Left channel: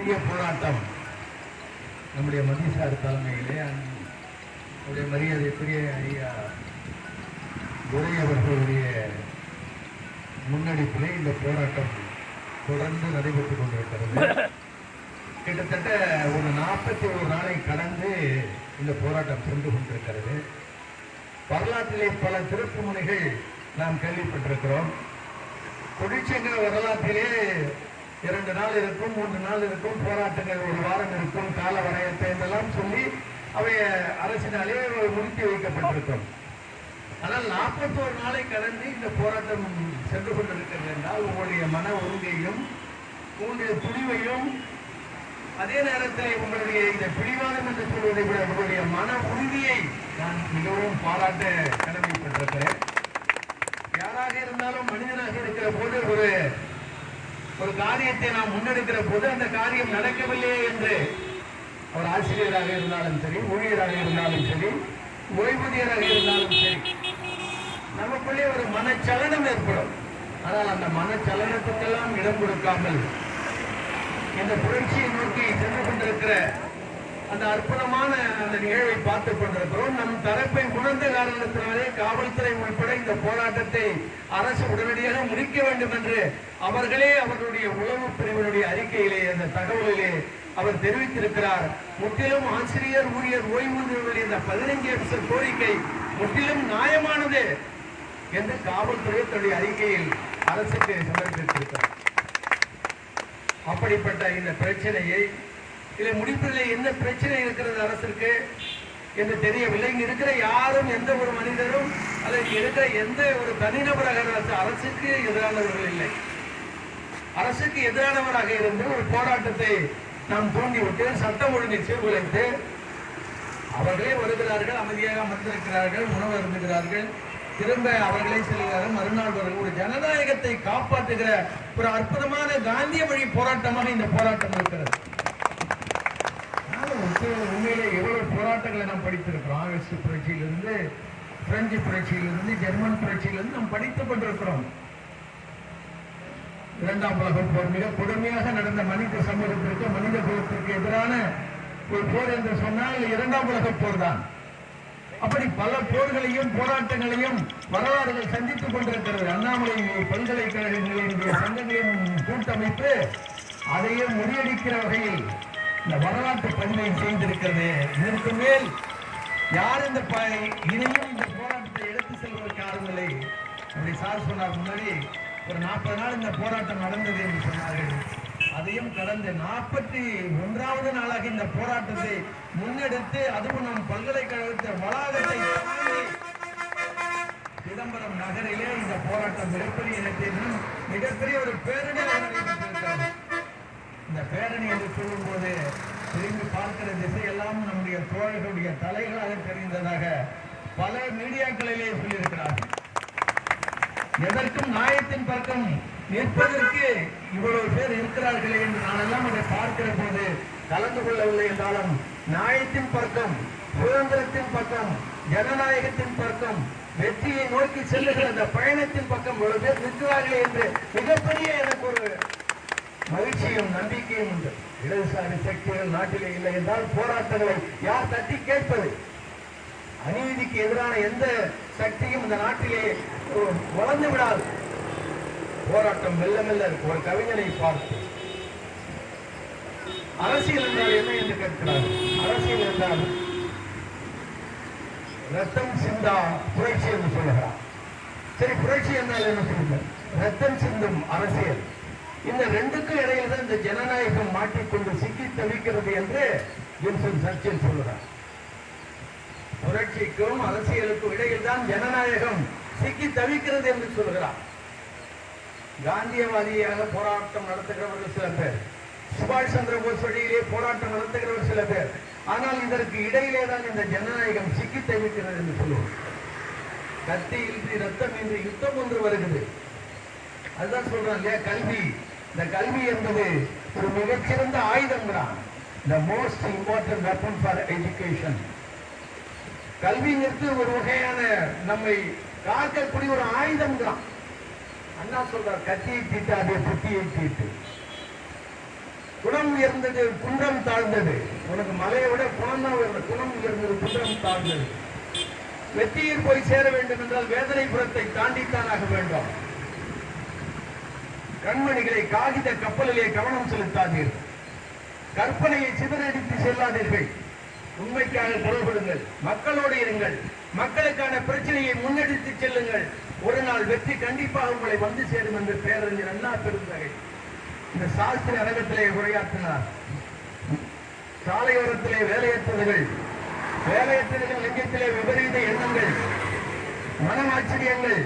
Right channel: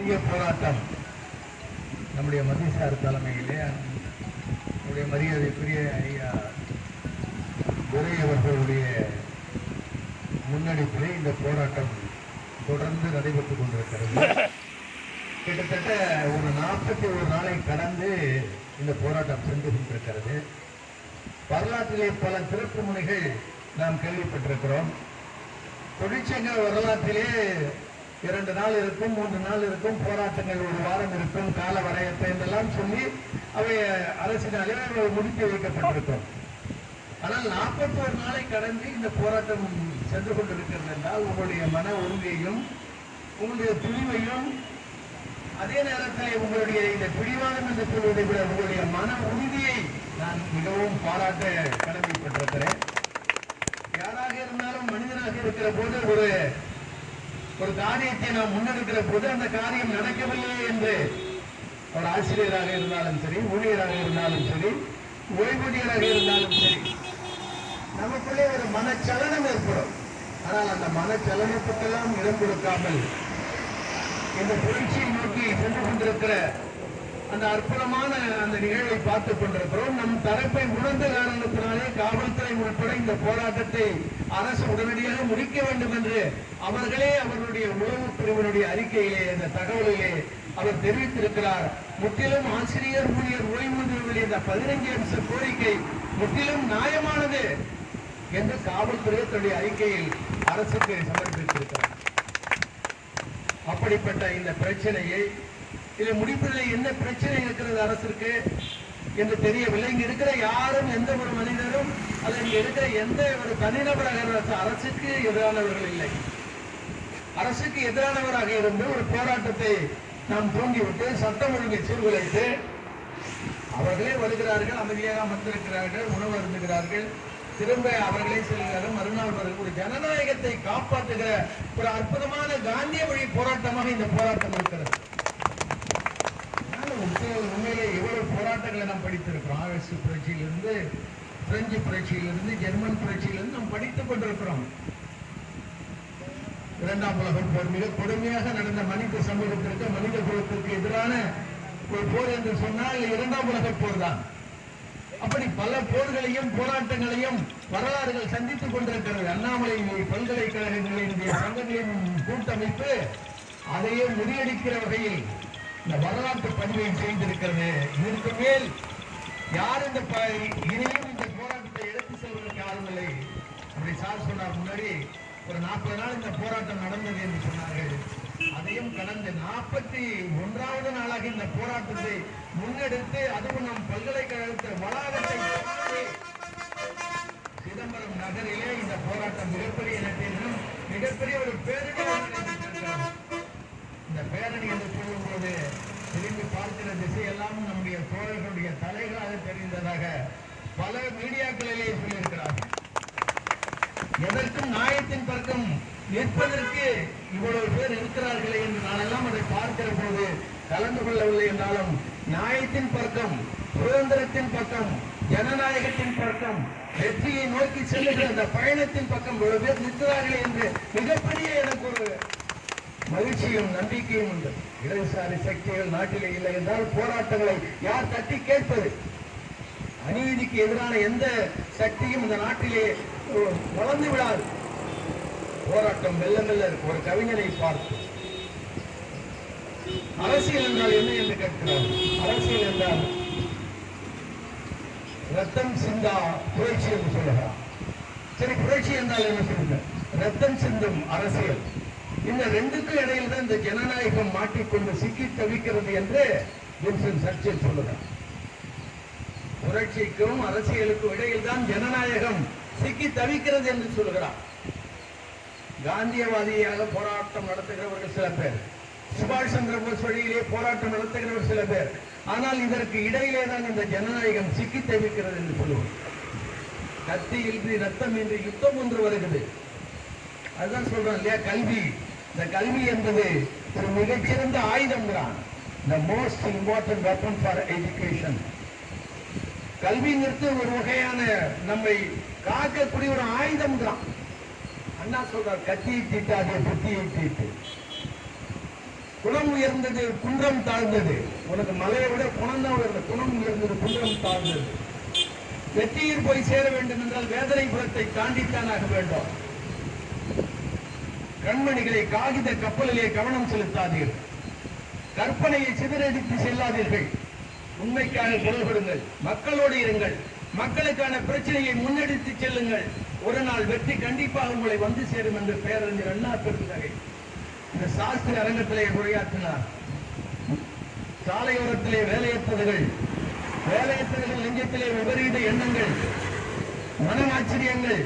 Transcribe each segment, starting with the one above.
பெரிய போராட்டம் நம்முடைய மதிசார் தலைமையிலே நம்முடைய மரியாதைக்குரிய ஐயா துரை அவர்களுடைய முன்னெடுப்பிலே இந்த போராட்டம் தொடர்ந்து நடைபெற்றுக் கொண்டிருக்கிறது. கிட்டத்தட்ட ஒரு 41 நாளை கடந்து இந்த போராட்டம் சென்று கொண்டிருக்கிறது. வரலாற்றிலே பல திருப்பு முனைகள் நாம் கேள்விப்பட்டிருக்கிறோம். தொழிற்சங்க வரலாற்றிலே 2 நாள் இருக்கும், 3 நாள் இருக்கும், போராட்டங்கள் 1 வாரம் இருக்கும், கால வரையத்தை என்றெல்லாம் சொல்லி அவை அரசினாலே முடித்து வைக்கப்பட்டிருக்கும். ஆனால் 41 நாளை கடந்து இந்த போராட்டம் சென்று கொண்டிருக்கிறது என்றால் உங்களுடைய மன உறுதியையும் உங்களுடைய துணிவையும் அதே நேரத்தில் உங்களுடைய இந்த பிடிவாதம் என்று சொல்வதை விட உங்களுடைய மன உறுதியை நான் மிகவும் பாராட்ட கடமைப்பட்டிருக்கிறேன். யாராக இருந்தாலும் மனிதனாக இருக்கிற போது ஒரு காரியத்தை நாம் முன்னெடுக்கிற போது அந்த காரியம் நடக்கவில்லை என்று அவர் ஆசிரியராக இருந்தாலும் சரி, ஊழியராக இருந்தாலும் சரி, ஓய்வூதியராக இருந்தாலும் சரி, நமக்குள்ளே ஒரு மனச்சலனம் ஏற்படும். ஆனால் அந்த மனச்சலனத்துக்கெல்லாம் இடம் கொடுக்காமல் இந்த புரட்சியை நோக்கி சென்று கொண்டிருக்கிற அந்த அற்புதமான அந்த நிகழ்வை பார்த்துக் கொண்டிருக்கிறோம். நம் தரப்பை உணர்ந்த காரணத்தினாலே காவல்துறை உட்பட இந்த போராட்டத்தை அரசு உடனடியாக முடிக்க வேண்டும் என்று அவர்களே அவர்களுடைய உளவு பிரிவினுடைய அறிக்கையிலே அந்த தகவலிலே அவர் தெரிவித்திருக்கிறார். முற்றிலும் ஆசிரியர் ஊழியர் ஓய்வூதியர்களுடைய இந்த 15 அம்ச கோரிக்கை முற்றிலும் நியாயமானது என்று காவல்துறை தன்னுடைய அறிக்கையில் அரசுக்கு சமர்ப்பித்திருக்கிறார். அப்படிப்பட்ட இந்த பிரச்சனையை இதை முடிப்பதில் என்ன பிரச்சனை இருக்கிறது அரசுக்கு என்று தெரியவில்லை. இங்க இருக்கிற யாரும் எந்த ஒரு மனிதரும் அதை இங்க இருக்கிற எந்த ஒரு தனிநபராக அரசுக்கு எதிரானவர்கள் இல்லை. அரசுக்கு எதிரானவராக இருந்து ஒரு போராட்டத்தை நாம் தூண்டிவிட்டு சட்டம் ஒழுங்கை சீர்குலைத்து அவர்களே வருகிறார்கள், அமைதியாக அமர்ந்திருக்கிறார்கள், உணவு அருந்துகிறார்கள், திரும்ப அவர்களே செல்கிறார்கள், மறுநாள் வருகிற ஒரு ஜனநாயகத்தை காப்பாற்றுகிற ஒரு அற்புதமான காந்திய வழி போராட்டமாக இந்த போராட்டம் இருக்கிறது. உண்மையிலே எவ்வளவு போராட்டங்களை நாம் படித்திருக்கிறோம். ஆகஸ்ட் புரட்சியிலிருந்து, பிரெஞ்சு புரட்சியிலிருந்து, ஜெர்மன் புரட்சியிலிருந்து நாம் படித்துக் கொண்டிருக்கிறோம். 2ஆம் உலகப் போர் மிக கொடுமையாக நடந்த மனித சமூகத்திற்கு, மனித குலத்திற்கு எதிரான ஒரு போர் என்று சொன்னால் 2ஆம் உலகப் போர் தான். அப்படி பல போர்களையும் போராட்டங்களையும் வரலாறுகள் சந்தித்துக் கொண்டிருக்கிறது. அண்ணாமலை பல்கலைக்கழகங்களினுடைய சங்கங்களின் கூட்டமைப்பு அதையே முறியடிக்கிற வகையில் இந்த வரலாற்று பதிவை செய்திருக்கிறது. இதற்கு மேல் யார் இனியும் இந்த போராட்டத்தை எடுத்து செல்வதற்கு ஆரம்பில்லை. அப்படி சார் சொன்னார், முன்னாடி ஒரு 40 நாள் இந்த போராட்டம் நடந்தது என்று சொன்னார்கள். அதையும் கடந்த 41வது நாளாக இந்த போராட்டத்தை முன்னெடுத்து அதுவும் நம் பல்கலைக்கழகத்தை வளாகத்தை சிதம்பரம் நகரிலே இந்த போராட்டம் மிகப்பெரிய இடத்திலும் மிகப்பெரிய ஒரு பேரணி நடைபெற்றிருக்கிறது. இந்த பேரணி என்று சொல்லும் போது திரும்பி பார்க்கிற திசையெல்லாம் நம்முடைய தோழர்களுடைய தலைகளாக தெரிந்ததாக பல மீடியாக்களிலே சொல்லியிருக்கிறார்கள். எதற்கும் நியாயத்தின் பக்கம் நிற்பதற்கு இவ்வளவு பேர் இருக்கிறார்களே என்று நானெல்லாம் அதை பார்க்கிற போது கலந்து கொள்ளவில்லை என்றாலும் நியாயத்தின் பக்கம், சுதந்திரத்தின் பக்கம், ஜனநாயகத்தின் பக்கம், வெற்றியை நோக்கி செல்லுகிற அந்த பயணத்தின் பக்கம் இவ்வளவு பேர் நிற்கிறார்களே என்று மிகப்பெரிய எனக்கு ஒரு மகிழ்ச்சியும் நம்பிக்கையும் உண்டு. இடதுசாரி சக்திகள் நாட்டிலே இல்லை என்றால் போராட்டங்களை யார் தட்டி கேட்பது? அநீதிக்கு எதிரான எந்த சக்தியும் இந்த நாட்டிலே வளர்ந்து விடாது. போராட்டம் மெல்ல மெல்ல ஒரு கவிஞனை பார்த்து அரசியல் என்றால் என்ன என்று கேட்கிறார். அரசியல் என்றால் ரத்தம் சிந்தா புரட்சி என்று சொல்லுகிறார். சரி, புரட்சி என்றால் என்ன சொல்லுங்க? ரத்தம் சிந்தும் அரசியல். இந்த ரெண்டுக்கும் இடையில் தான் இந்த ஜனநாயகம் மாட்டிக்கொண்டு சிக்கி தவிக்கிறது என்று வின்ஸ்டன் சர்ச்சில் சொல்லுகிறார். புரட்சிக்கும் அரசியலுக்கும் இடையில் தான் ஜனநாயகம் சிக்கி தவிக்கிறது என்று சொல்லுகிறார். காந்தியவாதியாக போராட்டம் நடத்துகிறவர்கள் சில பேர், சுபாஷ் சந்திர போஸ் வழியிலே போராட்டம் நடத்துகிறவர் சில பேர். ஆனால் இதற்கு இடையிலே தான் இந்த ஜனநாயகம் சிக்கி தவிக்கிறது என்று சொல்லுவோம். கத்தி இன்றி ரத்தம் இன்றி யுத்தம் ஒன்று வருகிறது. அதுதான் சொல்றோம் இல்லையா, கல்வி. இந்த கல்வி என்பது ஒரு மிகச்சிறந்த ஆயுதம் தான். The most important weapon for education. கல்விங்கிறது ஒரு வகையான நம்மை காக்கக்கூடிய ஒரு ஆயுதம் தான். அண்ணா சொல்றார், கத்தியை தீட்டாதே புத்தியை தீட்டு. குணம் உயர்ந்தது, குன்றம் தாழ்ந்தது. உனக்கு மலையை விட குணம் தான் உயர்ந்தது. குணம் உயர்ந்தது, குன்றம் தாழ்ந்தது. வெற்றியில் போய் சேர வேண்டும் என்றால் வேதனைபுரத்தை தாண்டித்தான் ஆக வேண்டும். கண்மணிகளை காகித கப்பலிலே கவனம் செலுத்தாதீர்கள். கற்பனையை சிதறடித்து செல்லாதீர்கள். உண்மைக்காக குரல் கொடுங்கள். மக்களோடு இருங்கள். மக்களுக்கான பிரச்சனையை முன்னெடுத்து செல்லுங்கள். ஒரு நாள் வெற்றி கண்டிப்பாக உங்களை வந்து சேரும் என்று பேரறிஞர் அண்ணா பெருந்தகை இந்த சாஸ்திர அரங்கத்திலே உரையாற்றினார். சாலையோரத்திலே வேலையற்றவர்கள் நெஞ்சத்திலே விபரீத எண்ணங்கள், மனமாச்சரியங்கள்,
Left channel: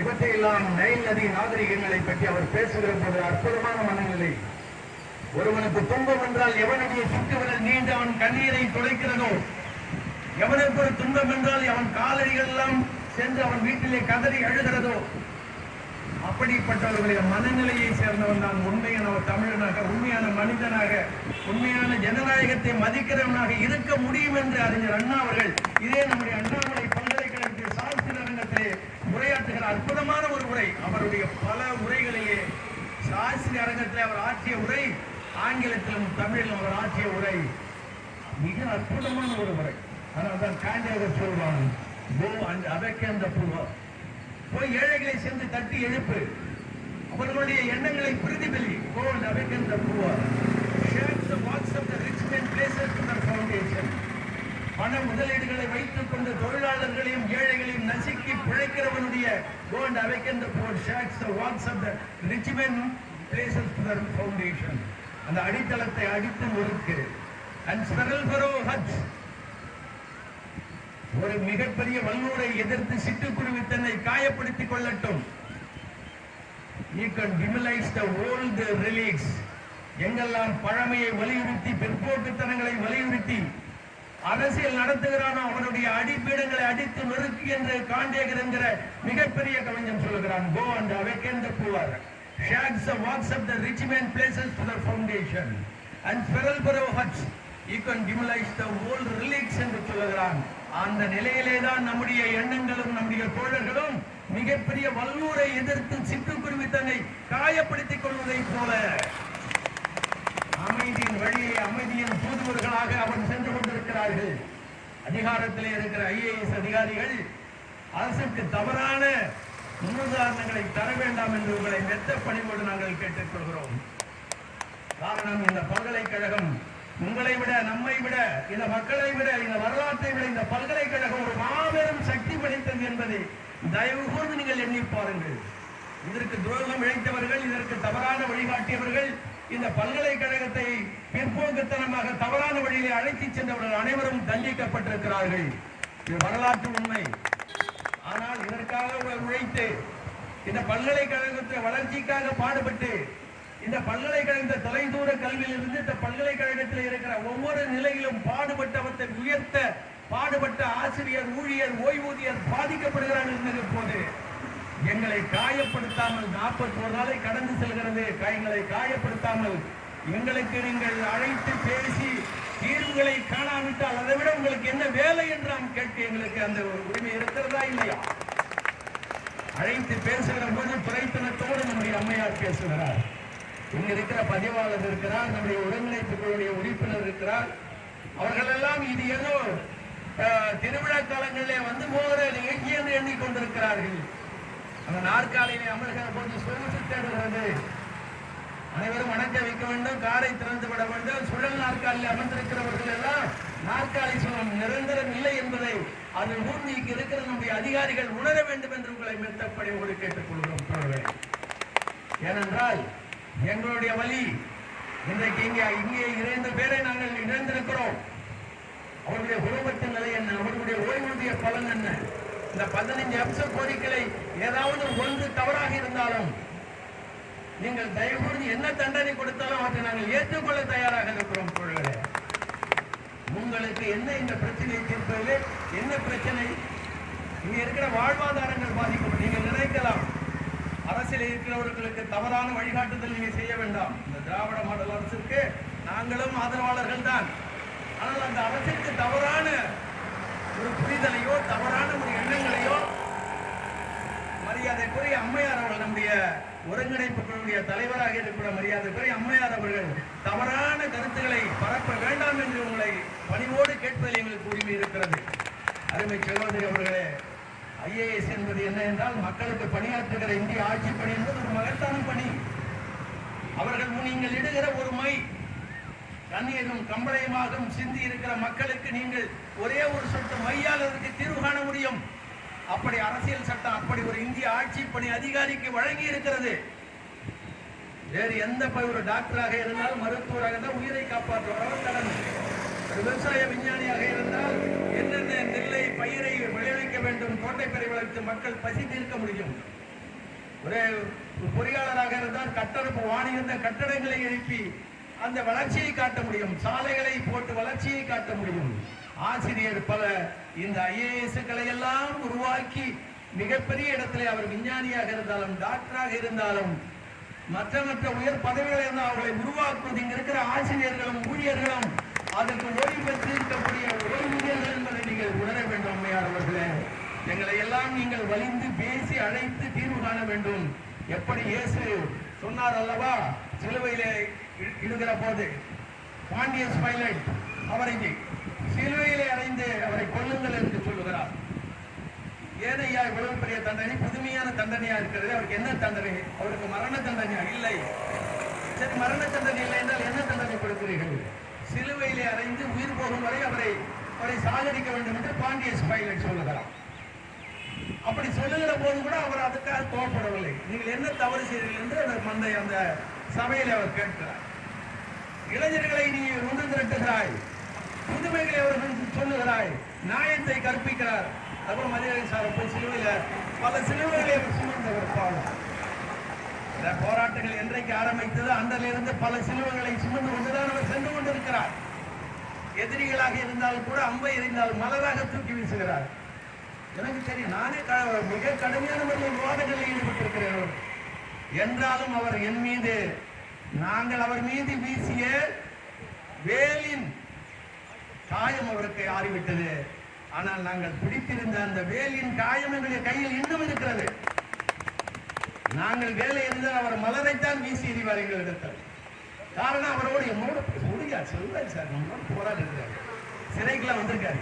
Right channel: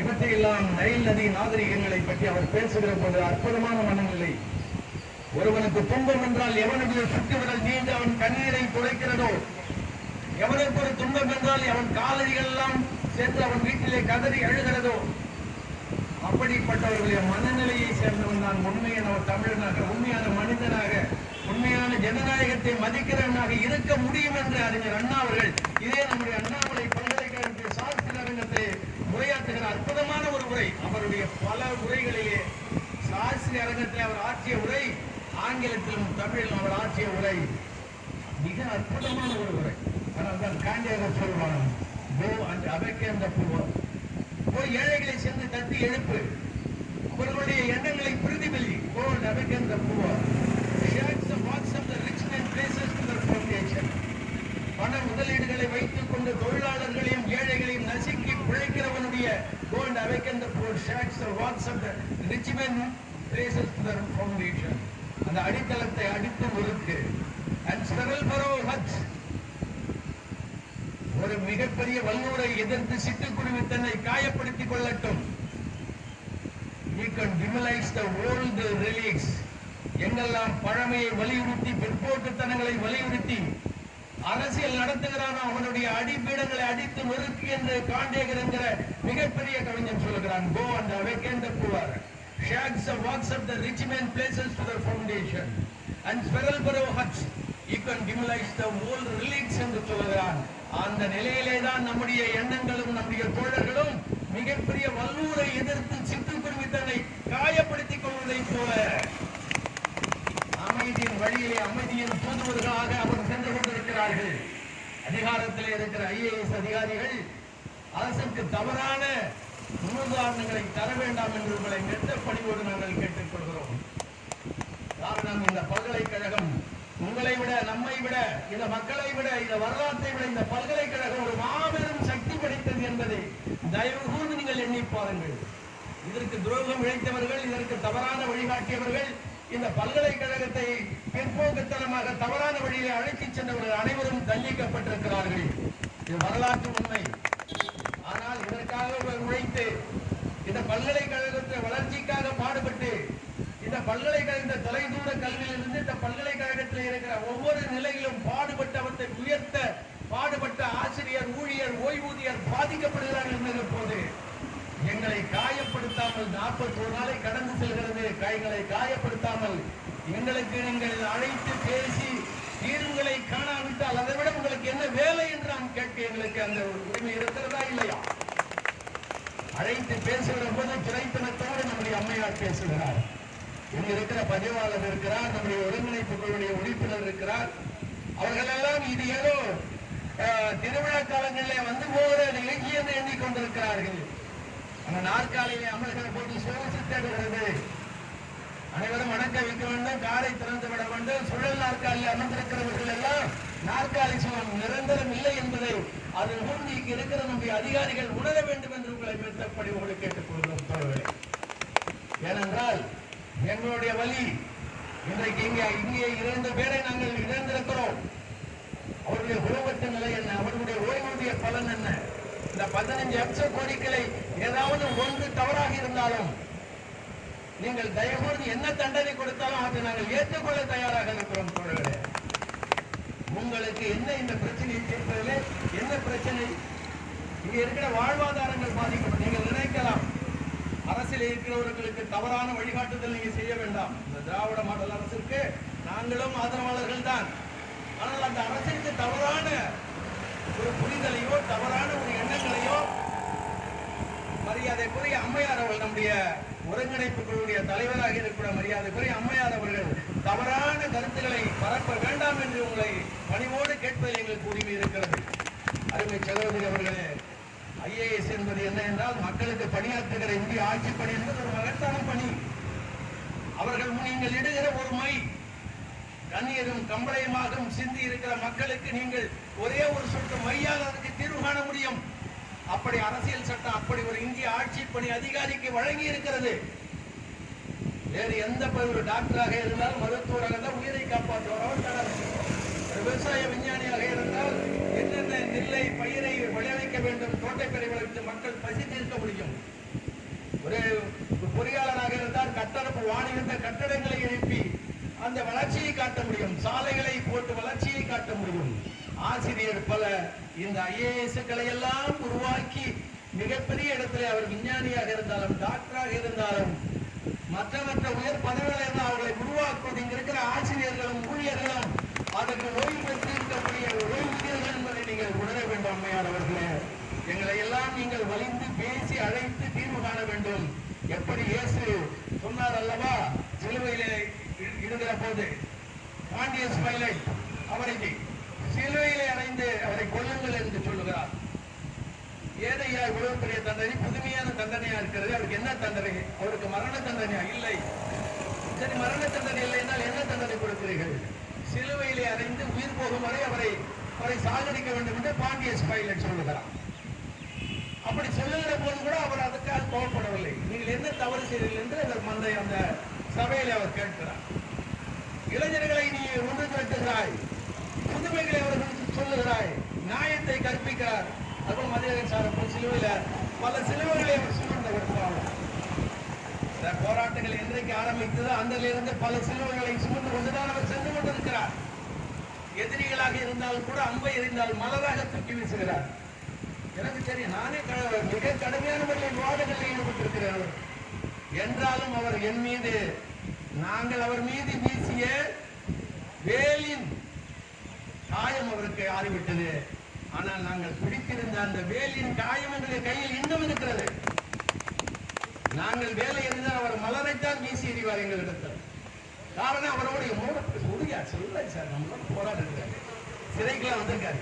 இவற்றையெல்லாம் நைல் நதி நாகரிகங்களை பற்றி அவர் பேசுகிற போது அற்புதமான மனநிலை. ஒருவனுக்கு துன்பம் என்றால் எவனுடைய சுட்டுவிரல் நீண்டு அவன் கண்ணீரை துடைக்கிறதோ, எவனுக்கு ஒரு துன்பம் என்றால் அவன் காலடிகள் எல்லாம் சென்று அவன் வீட்டிலே கதறி அழுகிறதோ, அப்படிப்பட்டவர்களுடைய மனநிலையை சேர்ந்தவன் தான் உண்மையான தமிழனாக, உண்மையான மனிதனாக, உண்மையான ஜனநாயகத்தை மதிக்கிறவனாக இருக்க முடியும் என்று அறிஞர் அண்ணா அவர்கள் இதே நம்முடைய அண்ணாமலை பல்கலைக்கழகத்தில் சாஸ்திர அரங்கத்திலே உரையாற்றுகிற அற்புதமான ஒரு உரை. அவருடைய பல உரைகளையே சாஸ்திர அரங்கத்தில் அவர் ஆற்றிய உரை, ஆங்கிலத்திலும் தமிழிலும் அவர் ஆற்றிய உரை மிக அற்புதமான ஒரு உரை. ஆனால் தான் காண்டியாக சொல்வான், கோ அண்ட் அபேக்கன் தி புவர். போய் ஏழைகளை சென்று தட்டி எழுப்பு, அவர்களுடைய எண்ணங்களை பிரதிபலி. Go and awaken the poor. Shake the walls of the rich men places to their foundation. பண முதலீடுகளை வைத்துக் கொண்டு தொழிலாளர்களையும் ஏழைகளையும் நசுக்கி பிழைக்கிறவனுடைய go and awaken the poor. Shake the walls of the rich men places to their foundation. அந்த அடித்தளத்தை அடித்து நொறுக்கு. And Sparrow Hutch ஒரு மிகப்பெரிய வல்லூரை எதிர்த்து சிட்டுக்குருவி தன்னை காயப்படுத்திக் கொள்ளட்டும். You can demolish the old relics. எங்கெல்லாம் பழமையை வலியுறுத்தி, பிற்போக்குத்தனங்களை வலியுறுத்தி அரசியல் நடத்துகிறானோ அவனுடைய அடிப்பீடங்களை அடித்து நொறுக்கு என்று காண்டேகர் என்கிற மிகப்பெரிய கவிஞன் சொல்லுகிறான். Go and awaken the poor. Shakes the walks of the rich men places to their foundation. And Sparrow Hutch, you can demolish the old relics என்று சொல்லுகிறான். அந்த நிலையிலே தான் நம்முடைய எண்ணங்களும் நம்முடைய தோழர்களும் மிகப்பெரிய வல்லூரை எதிர்த்து சிட்டுக்குருவி தன்னை காயப்படுத்திக் கொள்வதை போல அமைதியின் வழியை அமைதியின் தூதுவர்களாக அவர் சென்று கொண்டிருக்கிறார்கள். அதிகாரத்திலே இருக்கிற IAS அதிகாரிகள் அரசுக்கு தவறான முன்னுதாரணங்களை தர வேண்டாம் என்று உங்களை மெத்த பணிவோடு நாங்கள் கேட்டுக்கொள்கிறோம். காரணம், இந்த பல்கலைக்கழகம் உங்களை விட, நம்மை விட, இந்த மக்களை விட, இந்த வரலாற்றை விட இந்த பல்கலைக்கழகம் ஒரு மாபெரும் சக்தி படைத்தது என்பதை தயவு கூர்ந்து நீங்கள் எண்ணி பாருங்கள். இதற்கு துரோகம் இழைத்தவர்கள், இதற்கு தவறான வழிகாட்டியவர்கள், இந்த பல்கலைக்கழகத்தை பிற்போக்குத்தனமாக தவறான வழியிலே அழைத்துச் சென்றவர்கள் அனைவரும் தண்டிக்கப்பட்டிருக்கிறார்கள். இது வரலாற்று உண்மை. ஆனால் இதற்காக உழைத்து, இந்த பல்கலைக்கழகத்தின் வளர்ச்சிக்காக பாடுபட்டு, இந்த பல்கலைக்கழக தொலைதூர கல்வியிலிருந்து இந்த பல்கலைக்கழகத்தில் இருக்கிற ஒவ்வொரு நிலையிலும் பாடுபட்டவற்றை உயர்த்த பாடுபட்ட ஆசிரியர், ஊழியர், ஓய்வூதியர் பாதிக்கப்படுகிறார்கள் என்கிற போது எங்களை காயப்படுத்தாமல் 41 நாளை கடந்து செல்கிறது. எங்களை காயப்படுத்தாமல் எங்களுக்கு நீங்கள் அழைத்து பேசி தீர்வுகளை காணாவிட்டால் அதை விட உங்களுக்கு என்ன வேலை என்று நாம் கேட்க எங்களுக்கு அந்த உரிமை இருக்கிறதா இல்லையா? அழைத்து பேசுகிற போது துறைத்தனத்தோடு நம்முடைய அம்மையார் பேசுகிறார். இங்க இருக்கிற பதிவாளர் இருக்கிறார், நம்முடைய ஒருங்கிணைப்பு குழுவுடைய உறுப்பினர் இருக்கிறார். அவர்கள் எல்லாம் இது ஏதோ திருவிழா காலங்களிலே வந்து போகிற நிகழ்ச்சி என்று எண்ணிக்கொண்டிருக்கிறார்கள். அந்த நாற்காலியிலே அமர்கிற போது சோர்ந்து தேடுகிறது. அனைவரும் வணக்க வைக்க வேண்டும், காரை திறந்து விட வேண்டும். சுழல் நாற்காலில் அமர்ந்திருக்கிறவர்கள் எல்லாம் நாற்காலி சுகம் நிரந்தரம் இல்லை என்பதை அது மூர்த்திக்கு இருக்கிற நம்முடைய அதிகாரிகள் உணர வேண்டும் என்று உங்களை மெத்தப்படிவோடு கேட்டுக்கொள்கிறோம் தோழர்களே. ஏனென்றால் எங்களுடைய வழி இன்றைக்கு இங்கே 2 பேரை நாங்கள் இழந்திருக்கிறோம். அவருடைய குடும்பத்தின் நிலை என்ன, அவர்களுடைய ஓய்வூதிய பலன் என்ன, இந்த 15 அம்ச கோரிக்கைகளை ஏதாவது ஒன்று தவறாக இருந்தாலும் நீங்கள் தயவுகூர்ந்து என்ன தண்டனை கொடுத்தாலும் அவற்றை நாங்கள் ஏற்றுக்கொள்ள தயாராக இருக்கிறோம் தோழர்களே. உங்களுக்கு என்ன இந்த பிரச்சனையை தீர்ப்பதில் என்ன பிரச்சனை? இங்க இருக்கிற வாழ்வாதாரங்கள் பாதிக்கப்படும். நீங்கள் நினைக்கலாம் அரசியல் இருக்கிறவர்களுக்கு தவறான வழிகாட்டுதல் நீங்க செய்ய வேண்டாம். இந்த திராவிட மாடல் அரசிற்கு நாங்களும் ஆதரவாளர்கள் தான். ஆனால் அந்த அரசிற்கு தவறான ஒரு புரிதலையோ தவறான ஒரு எண்ணங்களையோ மரியாதைக்குரிய அம்மையார் அவர்கள் நம்முடைய ஒருங்கிணைப்பு குழுவுடைய தலைவராக இருக்கிற மரியாதைக்குரிய அம்மையார் அவர்கள் தவறான கருத்துக்களை பரப்ப வேண்டாம் என்று உங்களை பணிவோடு கேட்பதில் எங்களுக்கு உரிமை இருக்கிறது. அருமை சகோதரி அவர்களே, ஐஏஎஸ் என்பது என்ன என்றால் மக்களுக்கு பணியாற்றுகிற இந்திய ஆட்சி பணி என்பது ஒரு மகத்தான பணி. அவர்கள் நீங்கள் இடுகிற ஒரு மை கண்ணீரும் கம்பளையுமாக சிந்தி இருக்கிற மக்களுக்கு நீங்கள் ஒரே ஒரு சொட்டு மையால் அதற்கு தீர்வு காண முடியும். அப்படி அரசியல் சட்டம் அப்படி ஒரு இந்திய ஆட்சி பணி அதிகாரிக்கு வழங்கி இருக்கிறது. வேறு எந்த ஒரு டாக்டராக இருந்தால், மருத்துவராக இருந்தால் உயிரை காப்பாற்றுவார் கடமை. ஒரு விவசாய விஞ்ஞானியாக இருந்தால் என்னென்ன நெல்லை பயிரை விளைவிக்க வேண்டும், தோட்டப்பயிரை வளர்த்து மக்கள் பசி தீர்க்க முடியும். ஒரு பொறியாளராக இருந்தால் கட்டடப்பு வாணியிருந்த கட்டடங்களை எழுப்பி அந்த வளர்ச்சியை காட்ட முடியும், சாலைகளை போட்டு வளர்ச்சியை காட்ட முடியும். ஆசிரியர் பல இந்த ஐஏஎஸ்களை எல்லாம் உருவாக்கி மிகப்பெரிய இடத்திலே அவர் விஞ்ஞானியாக இருந்தாலும் டாக்டராக இருந்தாலும் மற்ற உயர் பதவிகள் இருந்தால் அவர்களை உருவாக்குவது இங்க இருக்கிற ஆசிரியர்களும் ஊழியர்களும் அதற்கு ஓய்வு பெற்றிருக்கக்கூடிய ஓய்வூதியர்கள் என்பதை நீங்கள் உணர வேண்டும். அம்மையானவர்களே, எங்களை எல்லாம் நீங்கள் வலிந்து பேசி அழைத்து தீர்வு காண வேண்டும். எப்படி இயேசு சொன்னார் அல்லவா, சிலுவையிலே இடுகிற போது பாண்டியஸ் பைலட் அவரை சிலுவையிலே அறைந்து அவரை கொல்லுங்கள் என்று சொல்லுகிறார். ஏனையா இவ்வளவு பெரிய தண்டனை, புதுமையான தண்டனையா இருக்கிறது. அவருக்கு என்ன தண்டனை? அவருக்கு மரண தண்டனையா? இல்லை. சரி, மரண தண்டனை இல்லை என்றால் என்ன தண்டனை கொடுக்கிறீர்கள்? சிலுவையிலே அறைந்து உயிர் போகும் வரை அவரை சாகடிக்க வேண்டும் என்று பாண்டியஸ் பைலட் சொல்லுகிறார். அப்படி சொல்லுகிற போது கூட அவர் அதுக்காக கோபப்படவில்லை. நீங்கள் என்ன தவறு செய்தீர்கள் என்று அந்த சபையில் அவர் கேட்கிறார். இளைஞர்களை நீ ஒன்று திரட்டுகிறாய், புதுமைகளை அவர்களுக்கு சொல்லுகிறாய், நியாயத்தை கற்பிக்கிறார். அதுபோல் மதியழகன் சார் போய் சிலுவையில பல சிலுவைகளை சுமந்தவர் பாவம். இந்த போராட்டங்கள் என்றைக்கு ஆரம்பித்தது அன்றிலிருந்து பல சிலுவைகளை சுமந்து கொண்டுதான் அவர் சென்று கொண்டிருக்கிறார். எதிரிகளாக இருந்தாலும் கூட அம்பை எறிந்தால் மலராக தூக்கி வீசுகிறார். எனக்கு சரி, நானே மிக கடுமையான முறையில் விவாதங்களில் ஈடுபட்டிருக்கிறேன். என்றாலும் அவர் என் மீது, நாங்கள் அவர் மீது வீசிய வேலின் காயம் அவருக்கு ஆறிவிட்டது. ஆனால் நாங்கள் பிடித்திருந்த அந்த வேலின் காயம் எங்களுடைய கையில் இன்னும் இருக்கிறது. நாங்கள் வேலை இருந்தால் அவர் மலரைத்தான் வீசி எறிவார் எங்களிடத்தில். காரணம் அவரோட முடியா சொல்றாரு சார், நம்மளோட போராடுறாரு, சிறைக்குலாம் வந்திருக்காரு,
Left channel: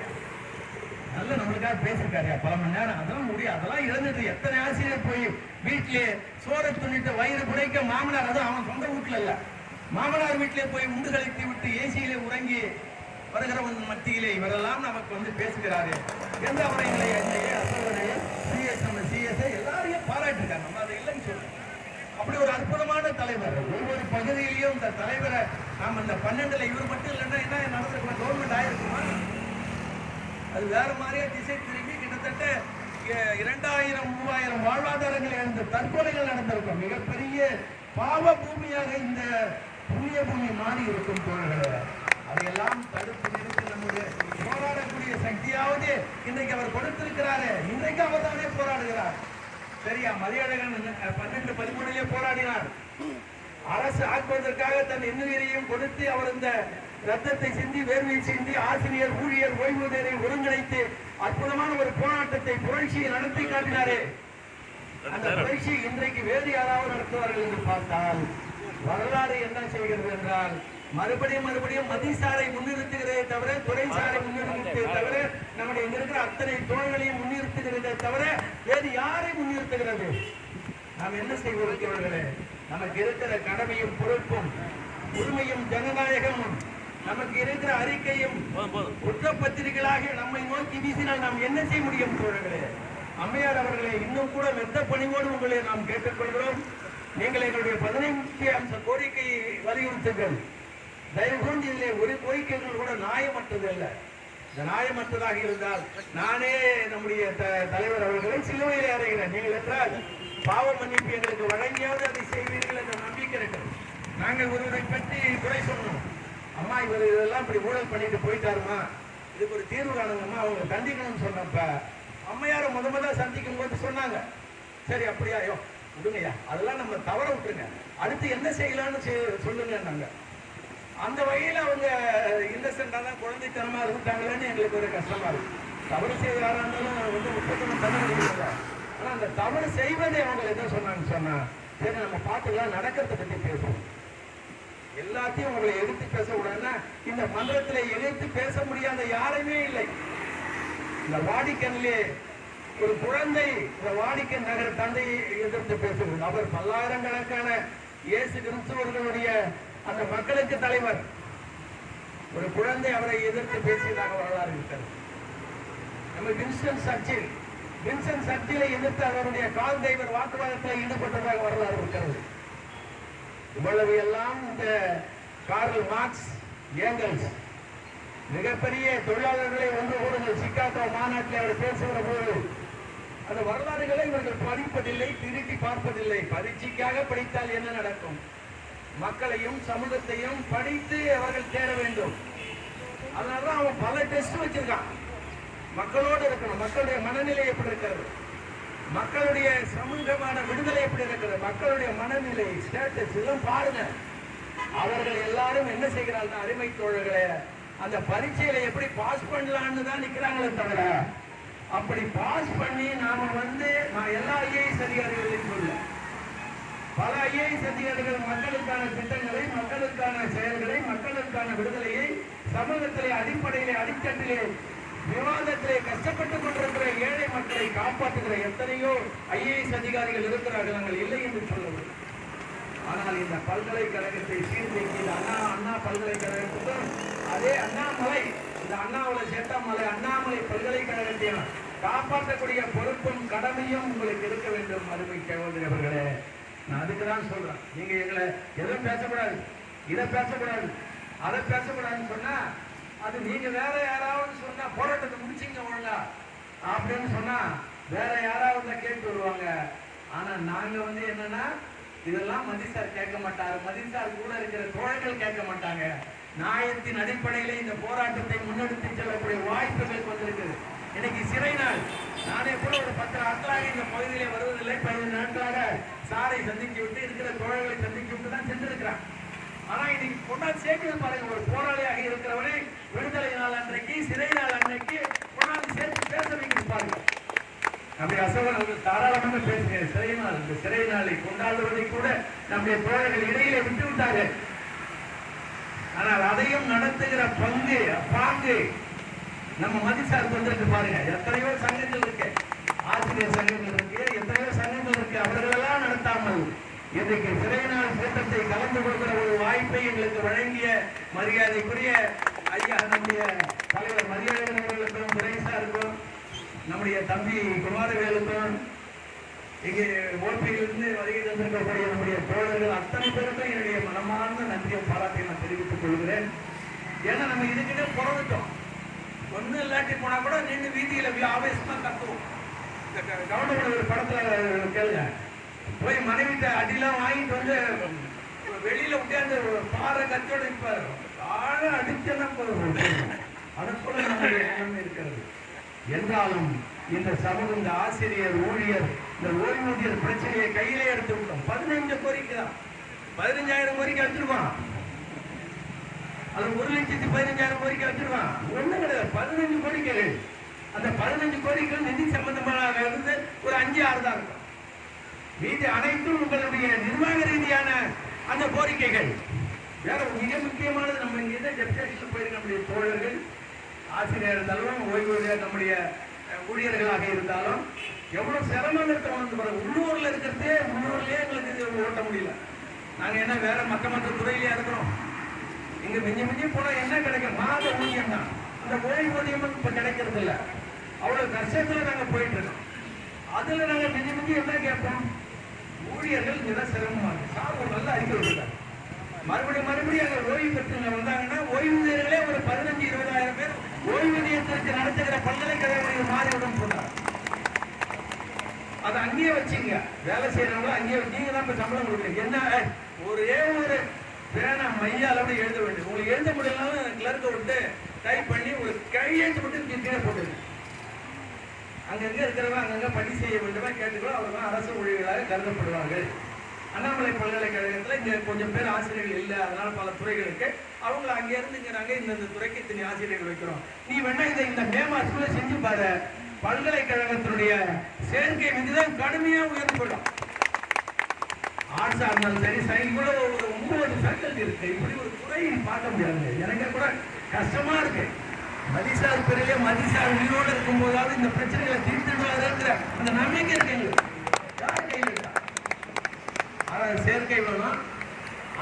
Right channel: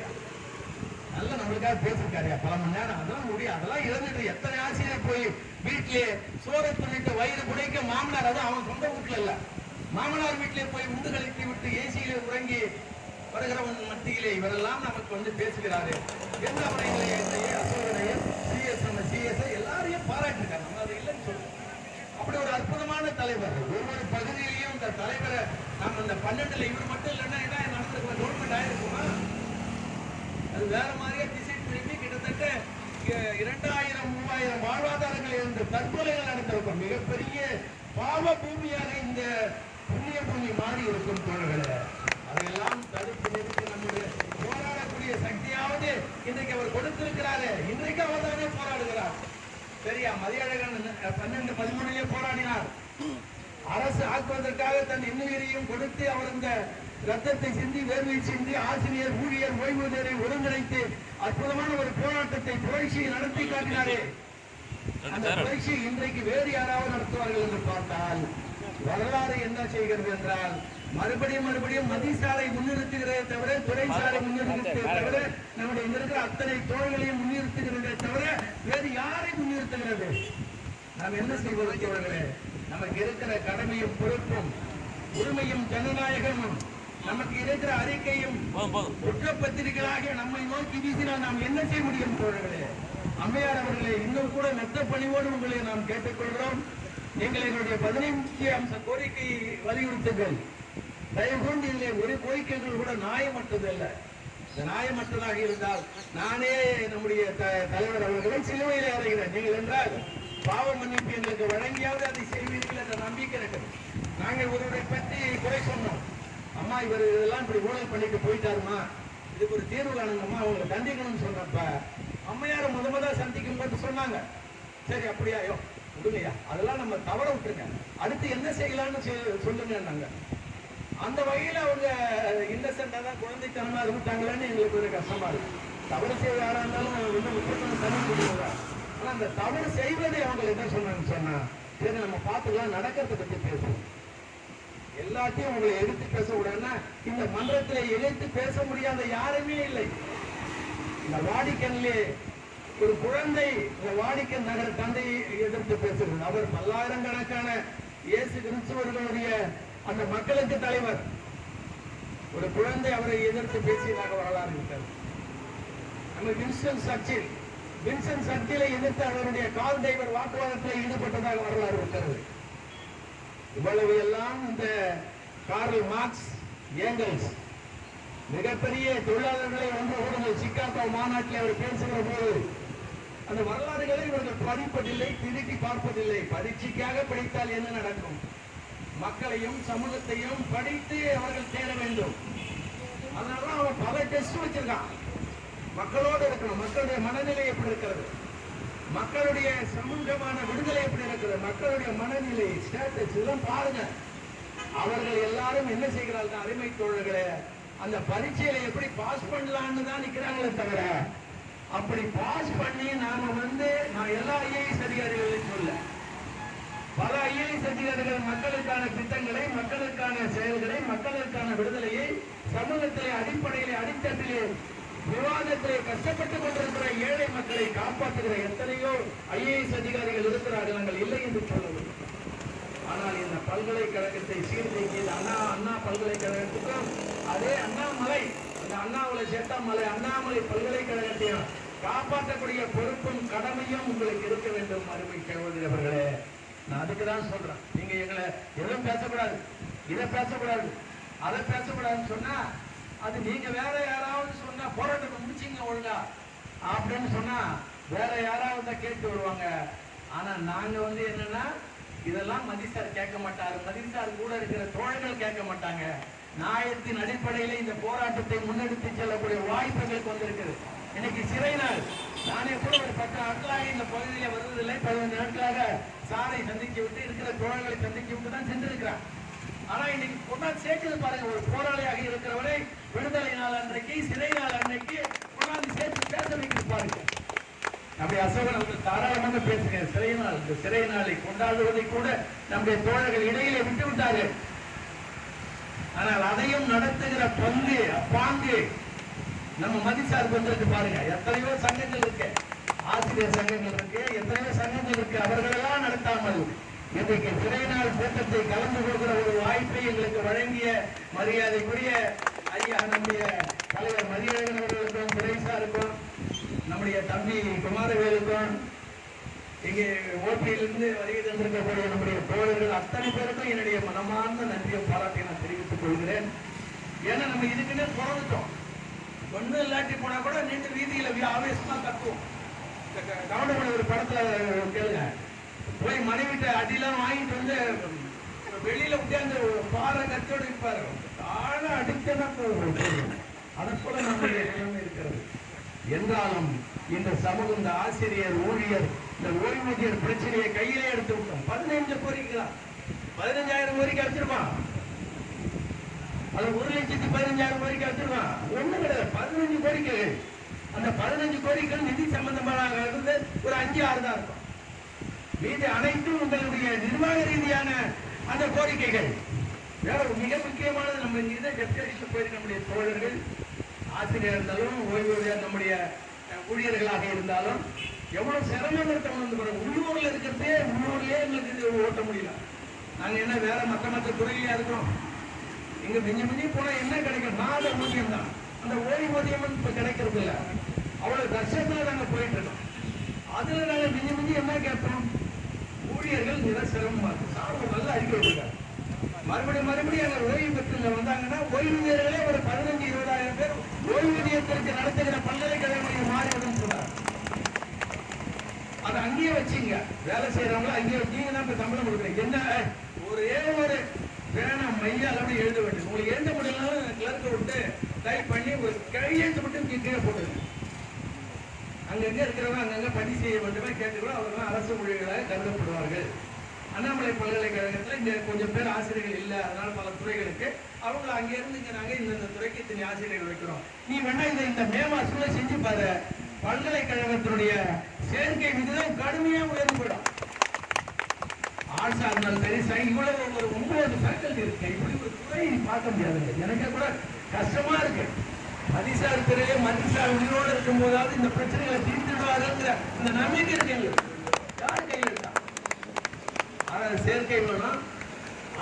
நல்ல நம்மளுக்காக பேசிருக்காரு பல மணி நேரம். அதெல்லாம் முடியும், அதெல்லாம் இழந்துட்டு எத்தனை ஆசிரியர் போய் வீட்டிலே சோறு துணிட்டு வயிறு புடைக்க மாமனார், அதுவும் அவன் சொந்த வீட்டுல இல்ல, மாமனார் வீட்டிலே போய் உண்டு கழித்து விட்டு ஏசியிலே உறங்கி வருகிறவன் மத்தியிலே இவரெல்லாம் நமக்கு வந்து பேசுகிறாரு என்று அவரை சிஎஸ்ஐ எல்லாரையும் பாராட்டிருக்காரு. நம்ம அதை இல்லைன்னு சொல்றோம். அப்படி ஒரு அற்புதமான தலைவர். ஒவ்வொரு பகுதியிலையும் இந்த தலைவரை நாம் அந்த 12ல் இவர் மட்டும் இல்லைன்னா என்ன நடந்திருக்கோம், கவர்மெண்ட் ஆயிருக்குமா? அது வேற மாதிரியா திசை திரும்பி கிட்டத்தட்ட 2000-3000 வாழ்வாதாரங்கள் இழந்த தற்கொலைகள் நடந்திருக்கும். மிகப்பெரிய பாவ பூமியாக இந்த புண்ணிய பூமி மாறி இருக்கும் தோழர்களே. அதையெல்லாம் தடுத்து நிறுத்தி நம்முடைய போராடக்கூடிய சக்தியாவது இன்றைக்கு அவர் கொடுத்திருக்கிறாரு. இன்றைக்கு அவர் தானே போராடுகிறார். சரியா, மதியழகன் 12-13 போராடினார். அரசு ஆக்குவதற்காக தன் இன்னுயிரையும் கொடுத்து அவர் இந்த ரத்தத்தை சிந்தி வேர்வை சிந்தி ஆசிரியர் ஊழியர் ஓய்வூதியரை ஒருங்கிணைத்து அற்புதமான ஒரு போராட்டத்தை புரட்சியை நடத்தி காட்டினாரே. அந்த புரட்சி இன்றைக்கு வேறு யாராவது நடத்துவார்கள் என்று பார்த்தால் வரலாறு என்ன செய்கிறது என்றால் மறுபடியும் மதிசாரை முன்னிறுத்துகிறதே தவிர, துறைசாரை முன்னிறுத்தே தவிர, நம்முடைய இங்க இருக்கிற அத்தனை தோள்களையும் முன்னிறுத்துகிறதே தவிர வேறு யாரை முன்னிறுத்துகிறது? நாம் என்ன செய்வதற்கவர்களே? நமக்கு இருக்கிற கடமையும் பொறுப்பும் உரிமையும் ஜனநாயகமும் நமக்கு இருக்கிற அறிக்கையும் குற்றப்பத்திரிகைகளாக நம்மை நோக்கி வீசினால் நாம் என்ன செய்ய முடியும் தோழர்களே? அம்மையார் அவர்களே, இன்னும் கூட மெத்த பணிவோடு உங்களை நாம் கேட்டுக்கொள்கிறோம். நீங்கள் எங்களுடைய 15 அம்ச கோரிக்கையை வலியுறுத்துங்கள். தயவு கொண்டு இதில் ஒரு கோரிக்கைகள் கூட நியாயமற்றது அல்ல. நியாயமற்றதாக இருந்தால் நானே நம்முடைய தலைவர் அவர்களை சிலுவையிலே அறைகிறேன். நீங்கள் என்றால் பாவ மன்னிப்பு எங்களுக்கு வழங்கியாவது அதை செய்வீர்கள் என்ற நம்பிக்கை இருக்கிறது. நாங்கள் ஒருவரை பற்றி குறை சொன்னோம். அம்மா இவர் இதெல்லாம் இப்படி ஊழல் பண்ணிட்டு போயிட்டாருமா, இதுக்கு ஒரு தீர்வு காணுங்கம்மா, அவங்க கண்டிக்கணும்னு சொன்னப்ப அம்மையாரை முதல்ல சந்திக்கும் போது சொன்னாங்க, சரி அப்படியாயோ விடுங்கய்யா, அதெல்லாம் நம்ம தவற விட்டுருங்க, அடுத்து என்ன செய்யலாம்னு சொல்லுங்க. நாங்க அந்த வகையில் அவங்க இன்னசென்டா தான் குழந்தைத்தனமா இருந்துட்டாங்களேன்னு எங்களுக்கு ஒரு கஷ்டமா இருக்கு. தவறு செய்ய இருந்தாலும் வந்து முக்கியத்துவம் தர முடியல. ஆனா அந்த தவறு செய்வதை அவங்க என்ன சொன்னாங்கன்னு சொன்னா, சரி நம்ம பார்த்துக்கலாம், நடக்கிறத பத்தி பேசுவோம். எல்லாத்தையும் உங்களை எதிர்த்து பேச விடாதுன்னா இந்த மன்றத்திலே எதிர்த்து பேச முடியாத யாருமே இல்லை. இந்த வாடிக்கனிலே ஒரு குழந்தை இந்த வாடிக்கன் நகர் தந்தையை எதிர்த்து பேசுகிறது. அவர் பல்லாயிரக்கணக்கான இயேசு கிறிஸ்துவர்களுடைய அந்த மக்களுக்கு தலைவர். ஒரு குழந்தை அவரை எதிர்த்து பேசியதாக வரலாறு இருக்கிறது. நம்ம வின்சன் சர்ச்சிலை எதிர்த்து அவருடைய கால் டிரைவர் வாக்குவாதத்தில் ஈடுபட்டதாக வரலாறு இருக்கிறது. இவ்வளவு எல்லாம் இந்த கார்ல் மார்க்ஸ், ஏங்கல்ஸ் மிகப்பெரிய தொழிலாளர்களை ஒன்று கூடுங்கள் சிகாகோ மாநாட்டில் அவர் பேசுகிற போது அந்த வரலாறுகளை இவர்கள் படிப்பதில்லை, திருப்பி பார்ப்பதில்லை. பரீட்சைக்காக படித்தால் என்ன நடக்கும்? மக்களையும் சமூகத்தையும் படித்து அவர்கள் தேட வேண்டும். அதனாலதான் அவன் பல டெஸ்ட் வச்சிருக்கான். மக்களோடு இருக்கணும், மக்களுடைய மனநிலை எப்படி இருக்கிறது, மக்களுடைய சமூகமான விடுதலை எப்படி இருக்கிறது, மக்களுடைய மனநிலை ஸ்டேட்டஸ் எல்லாம் பாருங்க. அவர்கள் எல்லாரும் என்ன செய்கிறார்கள்? அருமை தோழர்களே, அந்த பரீட்சையில எப்படி பாஸ் பண்ணலான்னு தான் நிக்கிறாங்களே தவிர அப்படி பாஸ் பண்ணி நாம நான் எல்லா ஐஏஎஸ் அதிகாரிகளையும் சொல்ல, பல ஐஏஎஸ் அதிகாரிகள் மக்களுக்கான திட்டங்களை, மக்களுக்கான செயல்களை, மக்களுக்கான விடுதலையை சமூகத்திலே அடிப்படையிலே அடித்தட்டிலே விவாதத்திலே கஷ்டப்பட்டுக் கொண்டிருக்கிற ஏழை மக்களை காப்பாற்றுகிற எத்தனையோ ஐஏஎஸ் அதிகாரிகள் இருக்கிறார்கள். நாங்கள் இல்லை என்று சொல்லவில்லை. ஆனால் இந்த பல்கலைக்கழகத்தை சீர்திருத்தி அண்ணா பல்கலைக்கழகத்துக்கு அதே அண்ணாமலை, இந்த அண்ணாமலை சேட்டாமலை அண்ணாமலை பல்கலைக்கழகத்தையும் காப்பாற்றக்கூடிய பொறுப்பும் கடமையும் உங்களுக்கு இருக்க வேண்டும். அருமை சகோதரர்களே, நான் அதுக்குதான் சொல்றேன். நீங்க எங்களை எதுவும் பேசக்கூடாது, இதை பேசக்கூடாது, அதை பேசக்கூடாதுன்னு சொன்னா அது நீங்க வேற யாராவது சொன்னா போராட்டத்தை முடிச்சிங்க ஒழுங்கா அப்படின்னு சொன்னா வேற யாராவது தான் கேட்டு வருவாங்க. ஆனா நாங்க என்னன்னா இதெல்லாம் மதிசார் கேட்க மாட்டாரு, மதிசார் கூட இருக்கிற தோழர்கள் கேட்க மாட்டாங்க. நியாயத்தின் அடிப்படையில் இந்த போராட்டத்தை முன்னெடுத்து செல்லக்கூடிய வாய்ப்புகளுக்கு வந்திருக்குது. இன்னைக்கு சிறை நாள். நானே கூட ஒரு 10 நாட்களாக இந்த பகுதியிலே வருவதில்லை. 15 நாட்களாக சாரை சந்திச்சு விட்டு இருக்கிற தோழர்களை சந்திச்சு விட்டு தான் சென்றிருக்கிறான். ஆனா இன்னைக்கு கொண்டாந்து சேர்க்கிறது பாருங்க. ஒரு போராளியாக இருக்கிறவரை விடுதலை நாள் அன்றைக்கு, சிறை நாள் அன்றைக்கு கொண்டாந்து சேர்த்து பேச வைக்கிறது பாருங்க. நம்முடைய அசோகன் அவர்கள் தாராளமாக பேசுகிற சிறை நாள், இந்த சிறை நாளை கொண்டாடுவதை கூட நம்முடைய தோழர்கள் இடையிலே விட்டு விட்டார்கள். ஆனால் அதையும் நடத்துகிற பாங்கு நம்ம மதிசார் வந்திருக்கு பாருங்க. எத்தனையோ சங்கங்கள் இருக்கு, ஆசிரியர் சங்கங்கள் இருக்கு, எத்தனையோ சங்கங்கள் இருக்கு. அவர்களெல்லாம் நடத்தாமல் இன்றைக்கு சிறை நாள் கூட்டத்தை கலந்து கொள்கிற ஒரு வாய்ப்பை எங்களுக்கு வழங்கிய மரியாதைக்குரிய ஐயா நம்முடைய தலைவர் மதியழகன் அவர்களுக்கும், துரைசாருக்கும், நம்முடைய தம்பி குமாரவேலுக்கும், இங்கே ஓபியிலிருந்து வருகை தந்திருக்கக்கூடிய நம்முடைய தோழர்கள் அத்தனை பேருக்கும் என்னுடைய மனமார்ந்த நன்றியை பாராட்டி நான் தெரிவித்துக் கொள்கிறேன். ஏன்னா நம்ம இதுக்குன்னே பிறந்துட்டோம். ஒன்றும் இல்லாட்டி போனா கூட நின்று வீதியில ஆவேசமா கத்துவோம். கவர்மெண்ட் ஒரு படத்துல கேளுங்க, போய் மனைவிட்ட அடிலாம் வாங்கிட்டு வெளியில உட்கார்ந்து பாறை கத்தோடு இருப்பாரு. ஆழ அடிச்சதான் அதை போல நம்முடைய நிலைமை இருக்கிறது. என்றாலும் இந்த சமூகம், இந்த ஆசிரியர், ஊழியர், இந்த ஓய்வூதியர் பிரச்சனையை கையிலே எடுத்து விட்டோம். 15 கோரிக்கை தான், 15,000 கோரிக்கை வச்சிருப்பான். அது 1,15,000 கோரிக்கை வச்சிருப்பான். ஒண்ணும் கிடையாது, 15 கோரிக்கைகள். அந்த 15 கோரிக்கைகள் நிதி சம்பந்தமான ஒரு 5-6 தான் இருக்கும். மீது அனைத்தும் உங்களுடைய நிர்வாக ரீதியான அந்த கோரிக்கைகள். வேற மிக முக்கியமானது, நம்ம இங்கே டெப்டேஷன் போயிருக்க நம்முடைய தோழர்கள், ஆசிரியர் இருந்தாலும், ஓய்வூதியர், நம்முடைய ஊழியர்களாக இருந்தாலும் எவ்வளவு சிரமம் இருக்க. உள்ளூர்ல இருக்கிறதே, உள்ளூர்லயே எங்களுக்கு இது ஓட்ட முடியல. நாங்க என்ன வேற மற்ற துறையிலேயே இருக்கிறோம். இங்க மிஞ்சி போனா என்ன கிடைக்கும்? மாத ஊதியம் தான். இந்த ஓய்வூதியம் இப்ப கிடைக்கிறது இல்ல. அவ்வளவு கஷ்டத்துல நாங்க போயிட்டு இருக்கோம். அதுல நாங்க மிஞ்சி என்ன கேட்போம்? ஊழியர்கள் மிக சிரமமா இருக்கு. சார் நல்லா அறிக்கை விடுறாங்க. மறுபடியும் அங்க ஓய்வு பெற்று வந்தாங்கன்னா ஓய்வூதியர்களே ஒரு 15-20,000 பேர் ஓய்வூதியத்திற்கு நடத்துகிற பல்கலைக்கழகம் மாறிவிடும் சொல்றாங்க. அதை அங்கேயே வச்சுங்க, வேலை செய்யறவங்கள அங்கேயே வச்சீங்க தான் இப்ப சம்பளம் கொடுக்குறீங்க. என்ன ஒரே ஒரு பேனா மைய அளவு எழுத வேண்டும். உங்களுக்கு எழுத முடியலனாலும் கிளர்க்க விட்டு டைப் பண்ணி உங்களுக்கு கையெழுத்து விட்டு கீழே போட்டுருங்க. அங்கங்க இருக்கிறவங்க அங்கங்க பணி செய்ய வேண்டுமா கேட்டுக்கிறோம். அவங்க அரசு ஊழியர்களாக கருதப்படுவார்கள். அண்ணாமலை பல்கலைக்கழகத்தில் இங்க கொஞ்சம் பேர் ஆசிரியர்கள் இல்லை, அதனால பல துறைகளுக்கு அவங்கள அங்க இருந்து இங்க நாங்க இந்த துறைக்கு இத்தனை ஆசிரியர்கள் வைக்கிறோம். நீ வேணா இதை இந்த மே மாசத்துல செஞ்சு பாரு. பல்கலைக்கழகத்தினுடைய சேர்க்கை விகிதம் கடுமையா உயர்ந்து போயிடும். ஆர்ட்ஸா இருந்தாலும் சரி சயின்ஸ் இவ்வளவு ஒரு 9 ஃபேக்கல்டி இருக்கு. இப்படி ஒரு துறை பார்க்க முடியாது. எனக்கு கூட கஷ்டமா இருக்கு. மதிசார் பிறகு மதிசார் உயிரோடு இருக்கும் போதாவது இந்த பிரச்சனைகளை தீர்த்துடுவாருங்கிற அந்த நம்பிக்கை இருக்கு. யார் கையில் இருக்கா? ஆனால் சேர்க்கை வேணும்,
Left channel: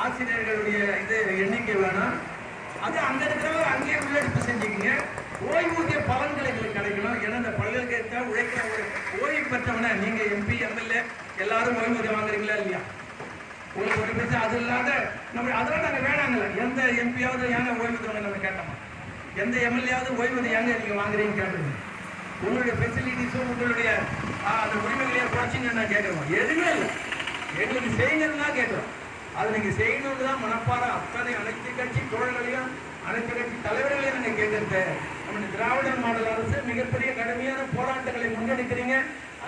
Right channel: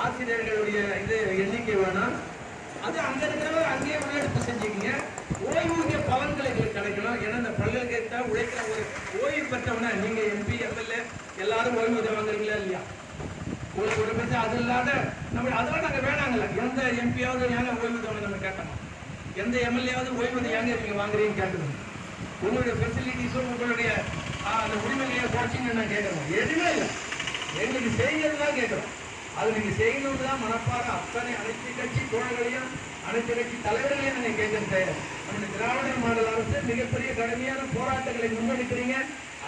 ஆசிரியர்களுடைய இது எண்ணிக்கை வேணும். அது அங்க இருக்கிறவங்க அங்கேயே உள்ளெடுப்பு செஞ்சுக்கிங்க. ஓய்வூதிய பலன்கள் எங்களுக்கு கிடைக்கணும். ஏன்னா இந்த பல்கலைக்கழகத்தை உழைக்கிற ஒரு ஓய்வு பெற்றவன நீங்க MP MLA எல்லாரும் ஓய்வூதியம் வாங்குறீங்களா இல்லையா? உங்களுக்கு ஒரு பேச்சு அது இல்லாத நம்ம அதெல்லாம் நாங்கள் வேணாங்கல்ல. எந்த MP-யாவது ஏங்க ஓய்வூதியம் நம்ம கேட்டோமா? எந்த MLA-யாவது ஓய்வூதியம் ஏங்க நீங்க வாங்குறீங்கன்னு கேட்டுருவோம். உங்களுடைய ஃபெசிலிட்டிஸும் உங்களுடைய அந்த உரிமைகளையும் குறைச்சின்னு நான் கேட்குறோம். எதுவுமே இல்லை, எங்களுக்கு செய்யுங்கிறது தான் கேட்குறோம். அது நீங்க செய்யணும்னு தான் மனப்பார அத்தனை அனைத்து கட்சி தோழர்களையும் அனைத்து கட்சி தலைவர்களையும் நாங்கள் கேட்கறது. நம்ம திராவிட மாடல் அரசு மிகப்பெரிய கடுமையான போராட்டங்களை முன்னெடுக்கிறீங்க.